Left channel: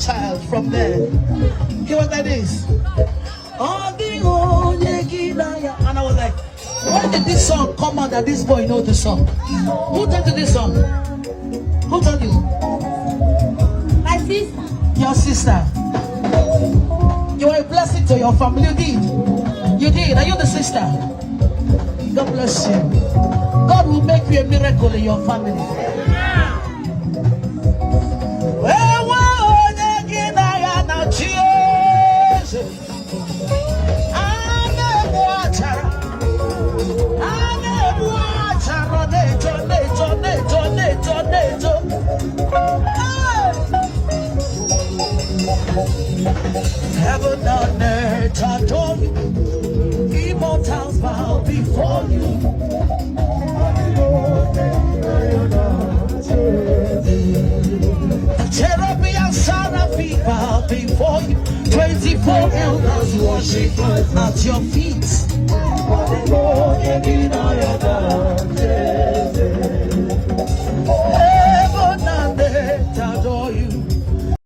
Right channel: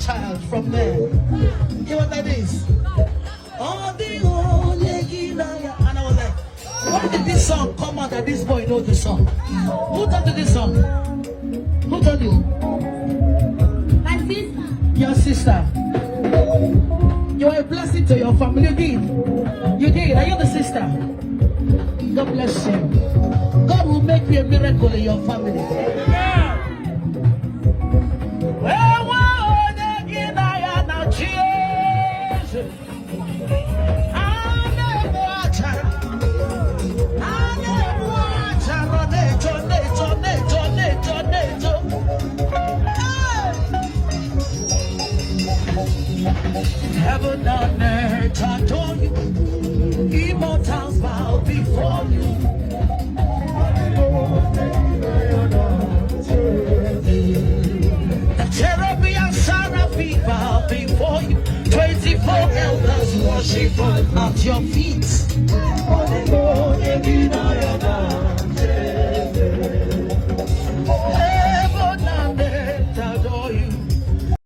child from there. You know what that is? And I was like, when did this song come out that this boy knows the song? Who told you this song? Who told you? My sister. Your sister. You were a blessing to your family. You did. You did. Are you the sister? God bless you. God will make you a miracle in your family. Heaven and earth adore you, immortals bow before you. The cherubim seraphim bow before you. 24 elders worship at your feet.